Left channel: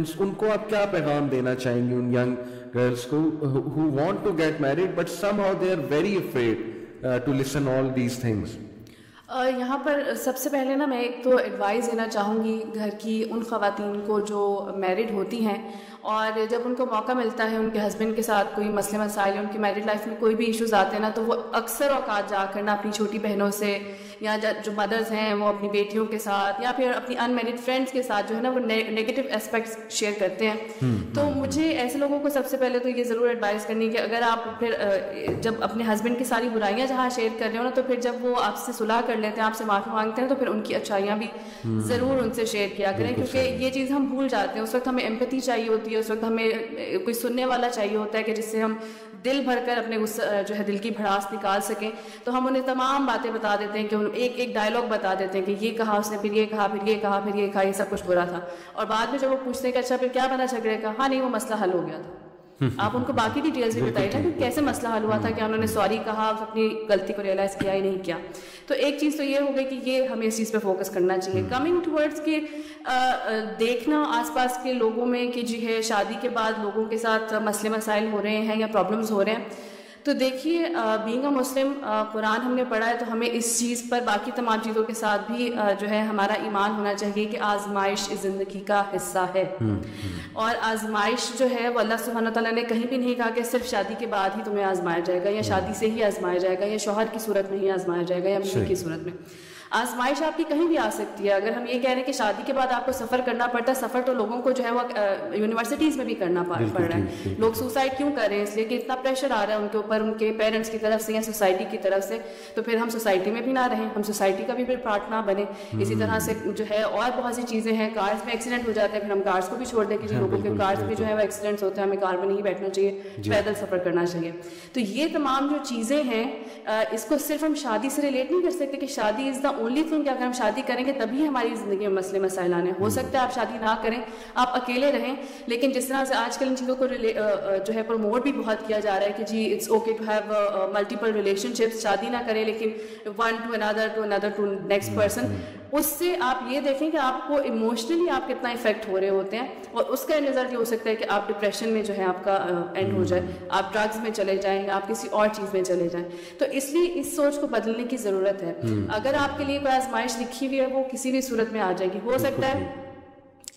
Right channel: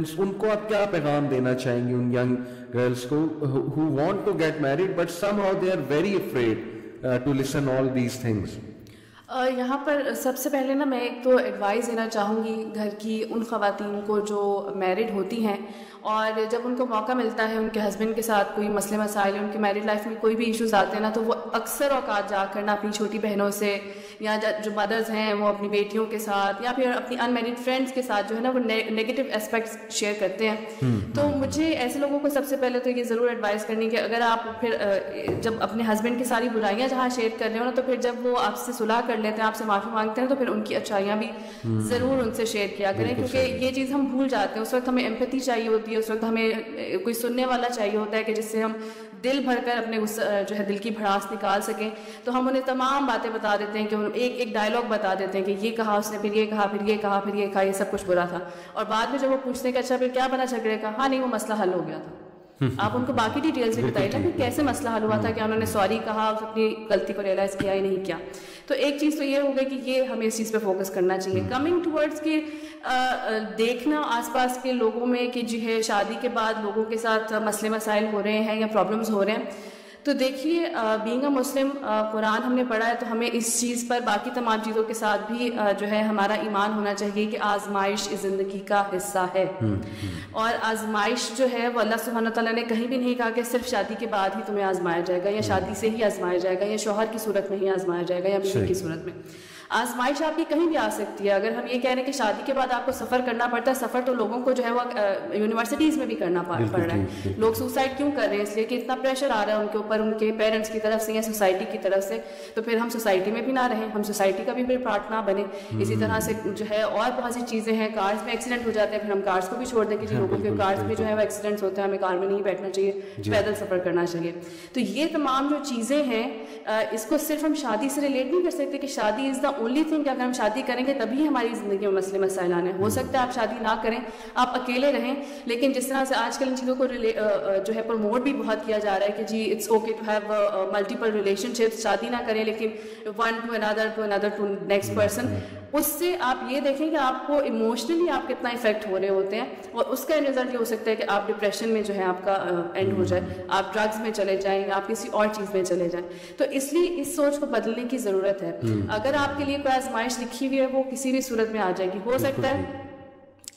Students, ان کو آپ کیا پیغام دینا چاہیں گے ان ینگ گرلس کو who want to get married but somehow they are very afraid to listen all these things? یہاں پر سب سے پہلے نا میں ایک تو ایڈوائز دینا چاہوں گی گھر کی ان خواتین کو جو میرڈ ہوتی ہیں, اور جب ان کو موقع ملتا ہے ان کے ہسبینڈ کے ساتھ کوئی مسئلے مسائل, ان کے میرڈ لائف میں کوئی بھی ایشوز آتے ہیں نا, تو وہ اکثر اوقات جا کر نا اپنی چھوٹی بہنوں سے یا جو مدرز ہیں وہ اپنی بیٹیوں کے ساتھ یا پھر اپنی ان میرڈ فرینڈس کے ساتھ جو ہے نا وہ نیگیٹو اسپیکٹس شیئر کرتے ہیں. تو مجھے ایسے لوگوں کو سب سے پہلے تو یہ ضرور ایڈوائز کرنی کہ اگر آپ پھر جب اپنے ہسبینڈ کی ساری برائیاں جہاں شیئر کر رہے ہو نا, تو پھر جب وہ آپ سے صلح کر لیتے ہیں, آپ سے معافی مانگتے ہیں, تو پھر ان کی اچھائیاں بھی ضرور ان سے شیئر کیا کریں, کیونکہ یہ چیز ہم بھول جاتے ہیں. اس وقت ہمیں ایمپیتھی چاہیے ہوتی ہے, اس وقت ہمیں کوئی سننے والا چاہیے ہوتا ہے کہ جس سے ہم دل بھر کر اپنے اس جو ہے دل کی بھڑاس نکال سکیں. تو ہم انہیں تمام باتیں بتا دیتے ہیں کہ ایک ڈائلاگ بتا دیتے ہیں کہ یہ کہا اس نے, پھر یہ کہا, پھر یہ کہا, پھر یہ کہا, یہ سب کچھ برا تھا. اور بعد میں جب وہ پوچھتے کہ اچھا پھر کیا بنا جھگڑے کا, ہاں نہیں وہ مسئلہ حل ہو گیا تھا. آپ ان کو باقی ڈیٹیلز بھی بتائیے نا کہ کیسے مسئلہ حل ہوا تھا, کیا انہوں نے سوری کہا, اپنی غلطی کو ریئلائز کیا یا نہیں کیا. تو ایک چیز تو یہ ہو گئی کہ یہ ہمیں اس چیز پہ فوکس کرنا چاہیے. کمنگ ٹورڈز کے دیکھنا آس پاس کے لوگوں میں کہ جو ہے شادی کے بعد لوگوں کے ساتھ مسئلے مسائل ہو رہے ہیں یا پرابلمس ہو رہے ہیں, تو دیکھیے بینگ اے مسلم قرآن ہم نے پڑھا ہے, تو ہمیں اس چیز پر باقی تمام چیزوں کے ساتھ بھی جو ہے ہمارا ایمان ہونا چاہیے کہ آزمائش اس زندگی کا حصہ ہے. اور آزمائش جو ہے وہ اللہ سبحانہ تعالیٰ نے کہیں بھی نہیں کہا کہ صرف شادی کے بعد ہی تمہیں آزمایا جائے گا, یا شادی سے ہی آزمایا جائے گا, یا شوہر کی صورت میں ہی آزمایا جائے گا, یا بیوی کی صورت میں. آزمائش آپ کی کہیں بھی آ سکتی ہے. اگر ہم یہ کہہ رہے ہیں کہ شادی کے بعد آپ کو سفر کرنا پڑتا ہے, سفر تو لوگوں کو جو ہے وہ یونیورسٹیز میں بھی کرنا پڑ رہا ہے. لوگ سوسائڈ کیوں کر رہے ہیں؟ اس لیے کہ اتنا پریشر آ رہا ہے ان کے اوپر, ان کے پیرنٹس کی طرف سے یا سوسائٹی کی طرف سے. تو پھر ہم سوسائٹی میں بھی نہ رہیں, ہم سوسائٹی کا بھی پھر پارٹ نہ بنے. اسی طرح سے جو ہے اور بہت سی چیزیں ہیں, کارز میں ایکسیڈنٹ ہو جاتے ہیں, پھر ہم کارز کو بھی چھوڑ دیں کہ جی لوگوں کے کارز میں جو ہے وہ ایکسیڈنٹس ہوتے ہیں, ہمیں کار میں نہیں بیٹھنا چاہیے, پیدل سفر کرنا چاہیے. تو یہ تمام جو چیزیں ہیں اس کو صرف ہم شادی سے ریلیٹ نہیں کر سکتے کہ شادی از دا اونلی تھنگ. اگر ہم شادی کریں گے تبھی ہماری زندگی میں مسئلے مسائل آنے. ہو سکتا ہے آپ شادی نہ کریں, آپ اکیلے رہیں, لیکن جس طرح سے آج کل ان چیزوں کو جو ہے پروموٹ بھی بہت کیا جا رہا ہے کہ جی it's okay to have multiple relationships نہ کریں لیکن one to another to next person. اس سے آپ یہ دیکھیں کہ آپ کو ایموشنلی آپ کتنا افیکٹ ہو رہے ہوتے ہیں, اور اس کا رزلٹ یہ ہو سکتا ہے کہ آپ ڈپریشن میں جو ہے آپ کا اینڈ ہو جائے, آپ ڈرگز میں چلے جائیں, آپ کسی اور چیز میں چلے جائیں. تو اس لیے اس سوچ کو بدلنے کی ضرورت ہے. اگر آپ کے لیے کوئی آزمائش لکھی ہوئی ہے وہ کسی بھی صورت میں آ جائے گی. ہو سکتا ہے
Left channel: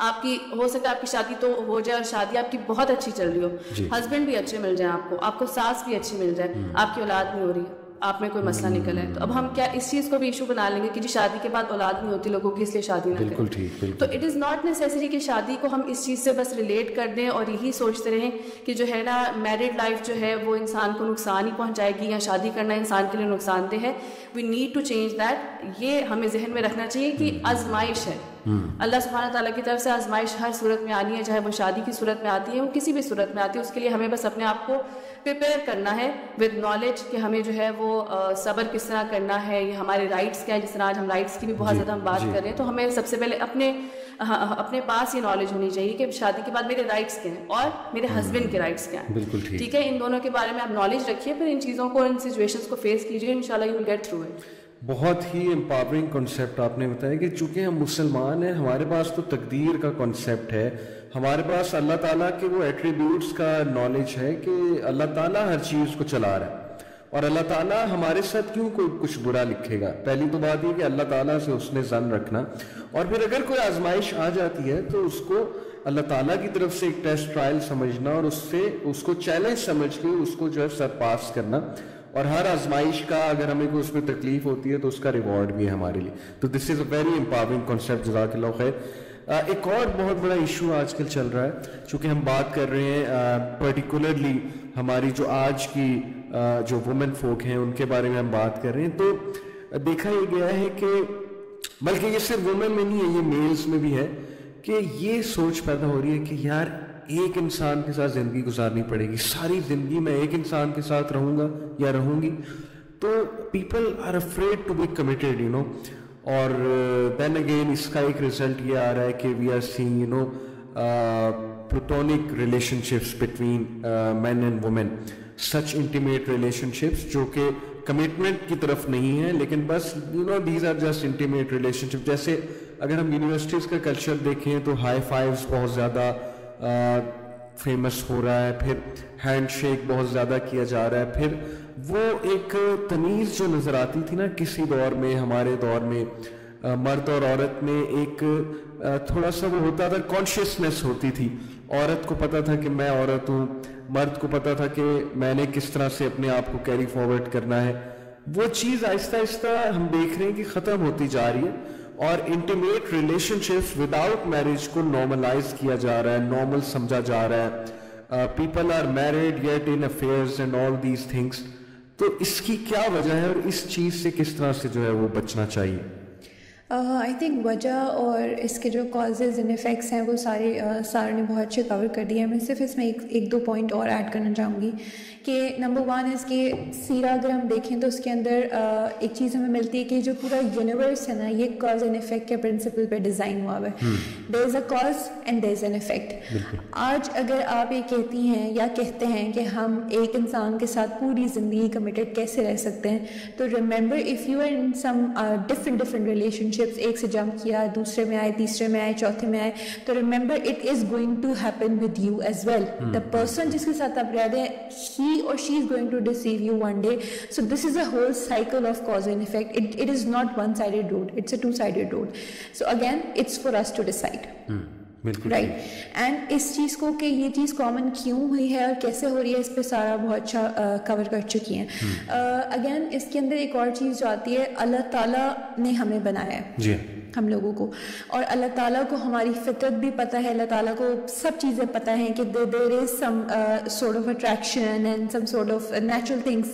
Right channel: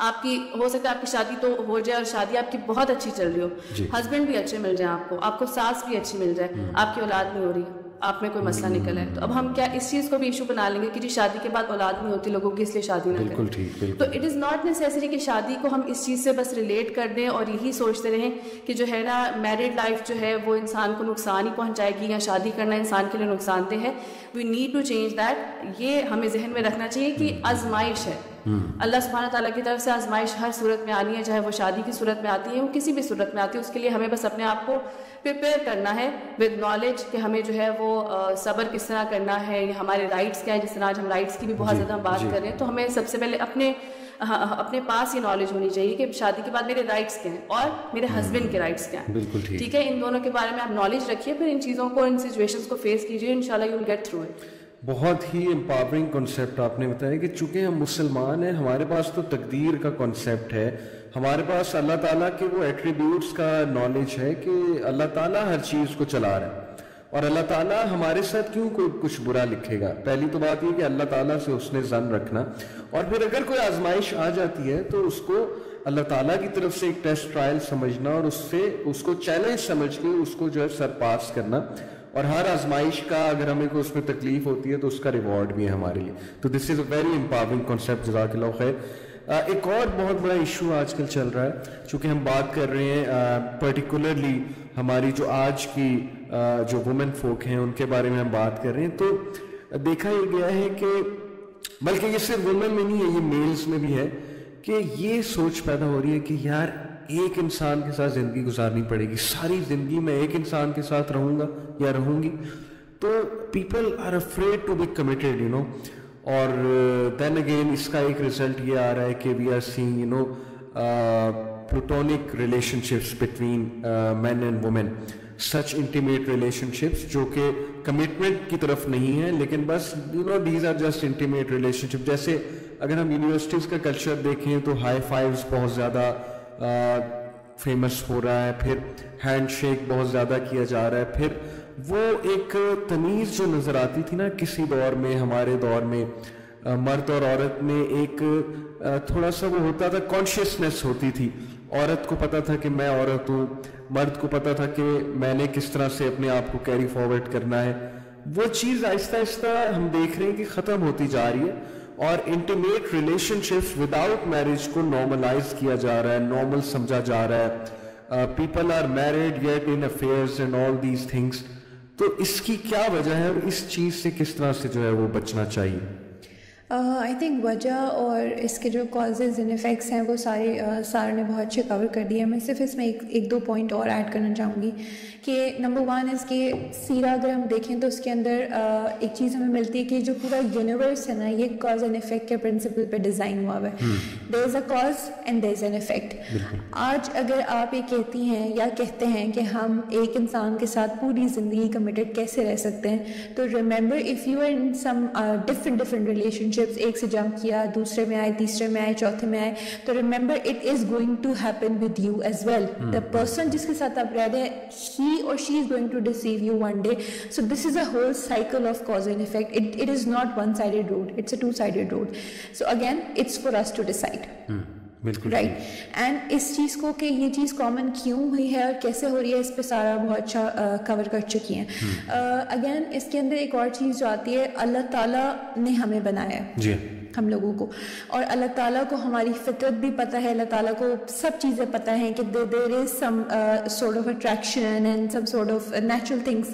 آپ کی شادی تو ہو جائے, اور شادی آپ کی بہت اچھی چل رہی ہو, ہسبینڈ بھی اچھے مل جائیں, آپ کو ساس بھی اچھی مل جائے, آپ کی اولاد نہیں ہو رہی, آپ میں کوئی مسئلہ نکل ہے, تو اب ہم کیا اس چیز کو بھی ایشو بنا لیں گے کہ جی شادی کے بعد اولاد نہیں ہوتی لوگوں کی, اس لیے شادی نہ کریں. تو اٹ از ناٹ نیسیسری کہ شادی کو ہم اس چیز سے بس ریلیٹ کر دیں اور یہی سوچتے رہیں کہ جو ہے نا میرڈ لائف جو ہے وہ انسان کو نقصان ہی پہنچائے گی, یا شادی کرنا انسان کے لیے نقصان دہ ہے. We need to change that. یہ ہمیں ذہن میں رکھنا چاہیے کہ آزمائش ہے, اللہ سبحانہ تعالیٰ کی طرف سے آزمائش ہر صورت میں آنی ہے, چاہے وہ شادی کی صورت میں آتی ہے, وہ کسی بھی صورت میں آتی ہے. اس کے لیے ہمیں بس اپنے آپ کو پریپیئر کرنا ہے ود نالج کہ ہمیں جو ہے وہ صبر کس طرح کرنا ہے, یا ہمارے رائٹس کیا ہے. جس طرح آج ہم رائٹس کی بھی بہت زیادہ بات کر رہے ہیں, تو ہمیں سب سے پہلے اپنے پاس یہ نالج ہونی چاہیے کہ شادی کے بعد میرے رائٹس کیا ہیں اور میرے ہسبینڈ کے رائٹس کیا ہیں. ٹھیک ہے, ان دونوں کے بارے میں آپ نالج رکھیے, پھر ان چیزوں کو, ان سچویشنز کو فیس کیجیے, انشاءاللہ you will get through it. بہت ہی امپاورنگ کنسیپٹ آپ نے بتایا کہ چونکہ ہم مسلمان ہیں, ہمارے پاس تو تقدیر کا کنسیپٹ ہے, ہمارے پاس اللہ تعالیٰ کے وہ ایٹریبیوٹس کا نالج ہے کہ اللہ تعالیٰ ہر چیز کو چلا رہا ہے, اور اللہ تعالیٰ ہمارے ساتھ کیوں کوئی کچھ برا لکھے گا. پہلی تو بات یہ کہ اللہ تعالیٰ سے اس نے ظن رکھنا, اور پھر اگر کوئی آزمائش آ جاتی ہے تو اس کو اللہ تعالیٰ کی طرف سے ایک ٹیسٹ ٹرائل سمجھنا, اور اس کو چیلنج سمجھ کے اس کو جو ہے سرپاس کرنا. اور ہر آزمائش کا اگر ہمیں کوئی اس میں تکلیف ہوتی ہے تو اس کا ریوارڈ بھی ہے ہمارے لیے. تو دس از اے ویری امپاورنگ کانسیپٹ, جزاک اللہ خیر. ایک اور بہت بڑا ایشو آج کل چل رہا ہے, چونکہ ہم بات کر رہے ہیں پرٹیکولرلی ہماری جو آج کی جو وومن فوک ہیں ان کے بارے میں ہم بات کر رہے ہیں, تو دیکھا یہ گیا ہے کہ بلکہ یہ صرف وومن میں نہیں ہے, یہ میلز میں بھی ہے کہ یہ سوچ پیدا ہو رہی ہے کہ یار ایک انسان کے ساتھ زندگی گزارنی پڑے گی, ساری زندگی میں ایک انسان کے ساتھ رہوں گا یا رہوں گی. تو people are afraid to be committed, you know. اور دین اگین اس کا ایک رزلٹ یہ آ رہا ہے کہ we are seeing, you know, platonic relationships between man and woman, such intimate relationships جو کہ کمٹمنٹ کی طرف نہیں ہے, لیکن بس you know these are just intimate relationship. جیسے اگر ہم یونیورسٹیز کا کلچر دیکھیں تو ہائی فائیوز بہت زیادہ فیمس ہو رہا ہے, پھر ہینڈ شیک بہت زیادہ کیا جا رہا ہے, پھر وہ ایک تمیز جو نظر آتی تھی نا کسی دور میں, ہمارے دور میں مرد اور عورت میں ایک تھوڑا سا وہ ہوتا تھا, کانشیسنیس ہوتی تھی. عورت کو پتا تھا کہ میں عورت ہوں, مرد کو پتا تھا کہ میں نے کس طرح سے اپنے آپ کو کیری فارورڈ کرنا ہے. وہ چیز آہستہ آہستہ ہم دیکھ رہے ہیں کہ ختم ہوتی جا رہی ہے, اور intimate relationships without marriage کو نارملائز کیا جا رہا ہے, نارمل سمجھا جا رہا ہے. People are married yet in affairs and all these things. تو اس کی کیا وجہ ہے, اور اس چیز سے کس طرح سے جو ہے وہ بچنا چاہیے؟ آئی تھنک وجہ اور اس کے جو کازز اینڈ افیکٹس ہیں وہ سارے سارے نے بہت اچھے کور کر دیے. میں صرف اس میں ایک دو پوائنٹ اور ایڈ کرنا چاہوں گی کہ نمبر ون اس کے سیرا اگر ہم دیکھیں تو اس کے اندر ایک چیز ہمیں ملتی ہے کہ جو پورا یونیورس ہے نا یہ کاز اینڈ افیکٹ کے پرنسپل پہ ڈیزائن ہوا ہوا ہے. There is a cause and there is an effect. آج اگر آپ یہ کہتی ہیں یا کہتے ہیں کہ ہم ایک انسان کے ساتھ پوری زندگی کمیٹڈ کیسے رہ سکتے ہیں, تو remember if you are in some different relationships, ایک سے جمپ کیا, دوسرے میں آئے, تیسرے میں آئے, چوتھے میں آئے, تو remember it is going to happen with you as well. The person جس کے ساتھ آپ رہ رہے ہیں he or she is going to deceive you one day. So this is a whole cycle of cause and effect. It is not one-sided road. It's a two-sided road. So again, it's for us to decide. Right. And اس چیز کو کہ یہ چیز common کیوں ہوئی ہے اور کیسے ہو رہی ہے, اس پہ سارا بہت اچھا کور کر چکی ہیں. اگین اس کے اندر ایک اور چیز جو آتی ہے, اللہ تعالیٰ نے ہمیں بنایا ہے ہم لوگوں کو, اور اللہ تعالیٰ کو ہماری فطرت بھی پتہ ہے, اللہ تعالیٰ کو سب چیزیں پتہ ہیں کہ there is some sort of attraction and some sort of natural things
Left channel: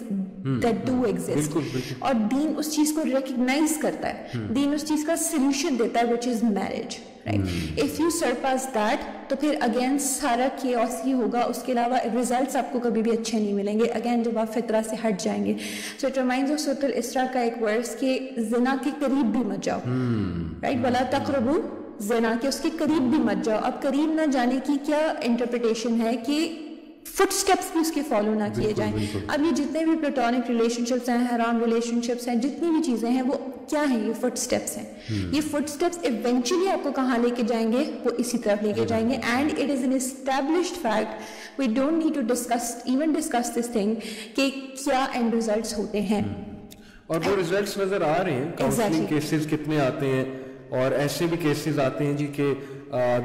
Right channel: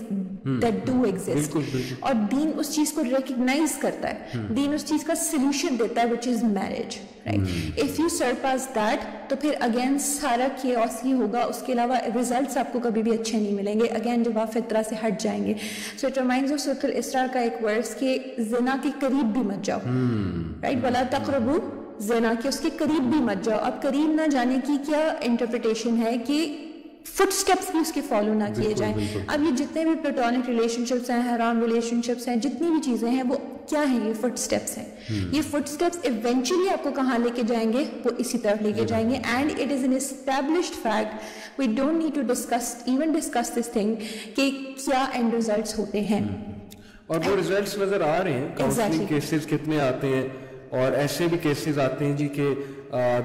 that do exist. اور دین اس چیز کو ریکگنائز کرتا ہے, دین اس چیز کا سلوشن دیتا ہے, which is marriage. Right? If you surpass that, تو پھر اگین سارا chaos ہی ہوگا, اس کے علاوہ results آپ کو کبھی بھی اچھے نہیں ملیں گے, اگین جب آپ فطرہ سے ہٹ جائیں گے. So it reminds us of اسراء کا ایک ورس کہ زنا کے قریب بھی مت جاؤ, رائٹ, وَلَا تَقْرَبُوا زنا, کے اس کے قریب بھی مت جاؤ. اب قریب نہ جانے کی کیا انٹرپریٹیشن ہے کہ فٹ سٹیپس بھی اس کے فالو نہ کیے جائیں. اب یہ جتنے بھی پلیٹونک ریلیشن شپس ہیں, حرام ریلیشن شپس ہیں, جتنی بھی چیزیں ہیں وہ کیا ہیں, یہ فٹ سٹیپس ہیں. یہ فٹ سٹیپس ایونچولی آپ کو کہاں لے کے جائیں گے, وہ اسی طرف لے کے جائیں گے. And it is an established fact, we don't need to discuss this thing کہ کیا اینڈ ریزلٹس ہوتے ہیں, اور وہ ریزلٹس نظر آ رہے ہیں. کاؤنسلنگ کیسز کتنے آتے ہیں, اور ایسے بھی کیسز آتے ہیں جی کہ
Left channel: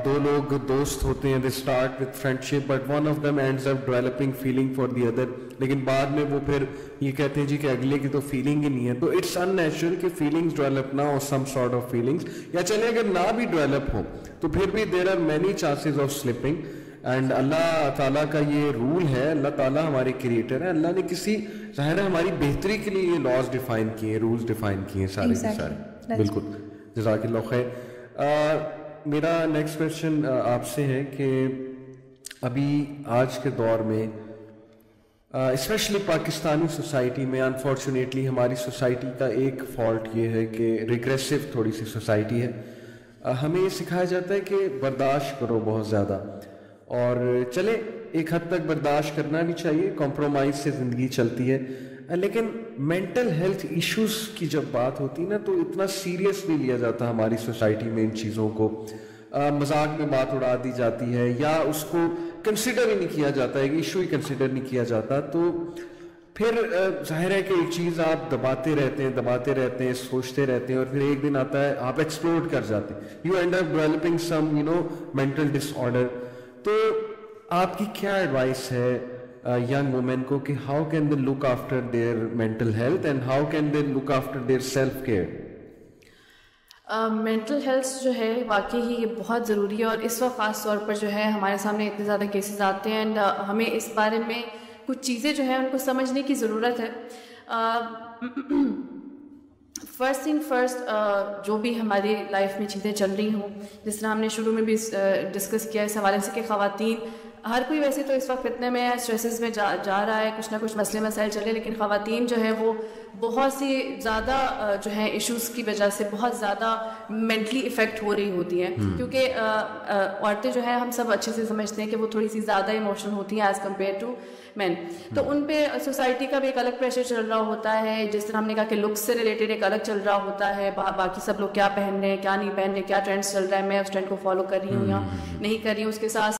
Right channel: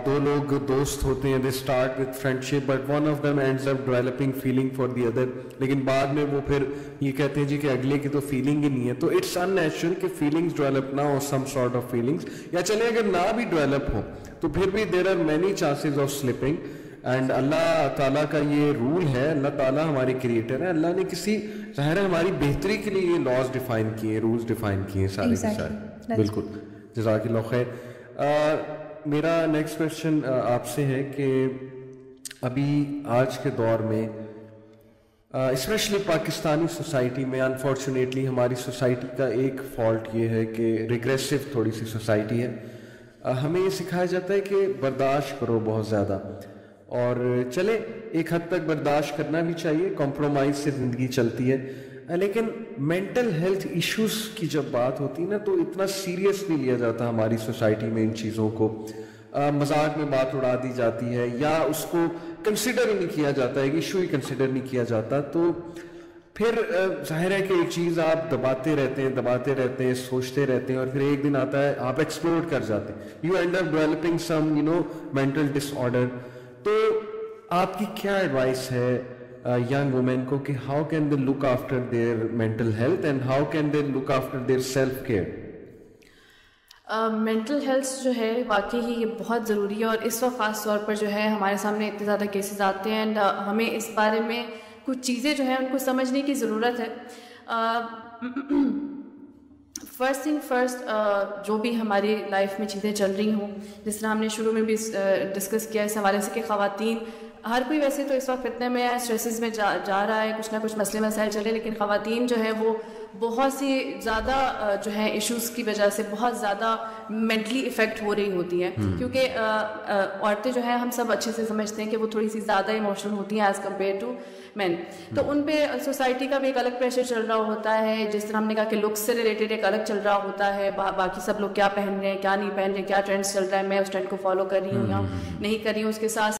دو لوگ دوست ہوتے ہیں, they start with friendship but one of them ends up developing feeling for the other, لیکن بعد میں وہ پھر یہ کہتے ہیں جی کہ اگلے کی تو فیلنگ ہی نہیں ہے. تو اٹس ان نیچرل کہ فیلنگس ڈیولپ نہ ہو, سم سارٹ آف فیلنگس, یا چلے اگر نہ بھی ڈیولپ ہو تو پھر بھی there are many chances of slipping. And اللہ تعالیٰ کا یہ رول ہے, اللہ تعالیٰ ہمارے کریٹر ہے, اللہ نے کسی ظاہر ہے ہماری بہتری کے لیے یہ لاز ڈیفائن کیے, رولز ڈیفائن کیے سارے سارے. بالکل, جزاک اللہ خیر. میرا نیکسٹ کوشچن آپ سے ہے کہ ابھی آج کے دور میں اسپیشلی پاکستانی سوسائٹی میں, انفارچونیٹلی ہماری سوسائٹی کا ایک فالٹ یہ ہے کہ ریگریسو تھوڑی سی سوسائٹی ہے. ہمیں یہ سکھایا جاتا ہے کہ برداشت کرو بہت زیادہ, اور چلے ایک حد تک برداشت کرنا بھی چاہیے, کمپرومائز سے زندگی چلتی ہے, لیکن مینٹل ہیلتھ ایشوز کی جب بات ہوتی ہے نا تو اتنا سیریس نہیں لیا جاتا ہماری سوسائٹی میں. ان چیزوں کو مذاق میں بات اڑا دی جاتی ہے, یا اس کو کنسیڈر ہی نہیں کیا جاتا ہے, ایشو ہی کنسیڈر نہیں کیا جاتا. تو پھر ظاہر ہے کہ ایک چیز آپ دباتے رہتے ہیں, سوچتے رہتے ہیں, اور پھر ایک دن آتا ہے آپ ایکسپلور کر جاتے ہیں, you end up developing some mental disorder. تو آپ کی کیا ایڈوائس ہے young women کو کہ how can they look after their mental health and how can they look after their self care? Mental health جو ہے واقعی ہی یہ بہت ضروری ہے, اور اس وقت خاص طور پر جو ہے ہمارے سامنے اتنے زیادہ کیسز آتے ہیں, اینڈ ہمیں اس بارے میں کچھ چیزیں جو ہیں ان کو سمجھنے کی ضرورت ہے. فرسٹ تھنگ فرسٹ, جو بھی ہماری لائف میں چیزیں چل رہی ہوں, جس طرح ہم نے شروع میں بھی ڈسکس کیا اس حوالے سے کہ خواتین, ہر کوئی ویسے تو اس وقت فتنے میں یا اسٹریسز میں جا رہا ہے, کچھ نہ کچھ مسئلے مسائل چل رہے ہیں, لیکن خواتین جو ہیں وہ بہت سی زیادہ جو ہے ایشوز کی وجہ سے بہت زیادہ مینٹلی افیکٹ ہو رہی ہوتی ہیں, کیونکہ عورتیں جو ہے ہم سب اچھے سے سمجھتے ہیں کہ وہ تھوڑی سی زیادہ ایموشنل ہوتی ہیں ایز کمپیئر ٹو مین. تو ان پہ سوسائٹی کا بھی ایک الگ پریشر چل رہا ہوتا ہے, جس طرح ہم نے کہا کہ لکس سے ریلیٹڈ ایک الگ چل رہا ہوتا ہے, باقی سب لوگ کیا پہن رہے ہیں کیا نہیں پہن رہے, کیا ٹرینڈس چل رہا ہے, میں اس ٹرینڈ کو فالو کر رہی ہوں یا نہیں کر رہی ہوں. اس کے ساتھ